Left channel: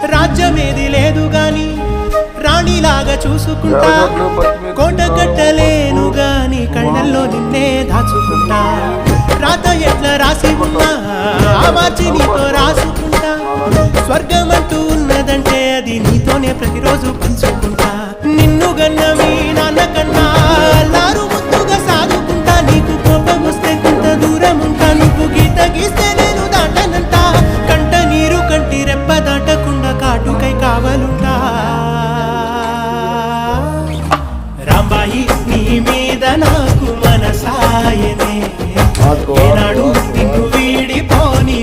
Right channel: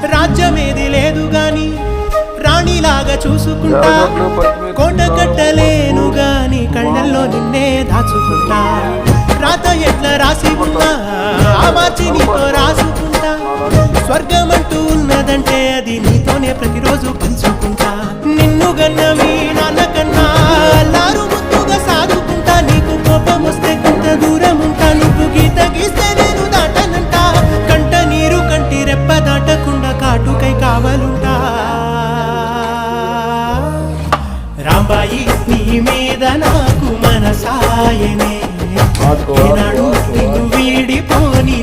రాజ్యమేది లేదు గాని రాణిలాగా చూసుకుంటా, కోట కట్టలేను గాని కళ్ళల్లో నిన్నే దాచుకుంటా. రాత ఎట్లా రాసి ఉన్నా ఆ మార్చి నీతో రాసుకుంటా. స్వర్గమంటూ ఉన్నదంటే అది నీతోనే ప్రతిరోజు పంచుకుంటా. నిన్ను గన్న మీ నాన్న కన్నా అల్లారు ముద్దుగా సాదుకుంటా. నీకు కోపం వస్తే కొంత దూరం ఉంటా, నువ్వు గీత గీస్తే నేను దాటనంటా. కంట నీరు కంటి రెప్ప దాటకుండా కాటుకై కావలుంటా. రాంబాయి నీ మీద నాకు మనసాయనే, ఏనాడు నిన్ను వీడిపోని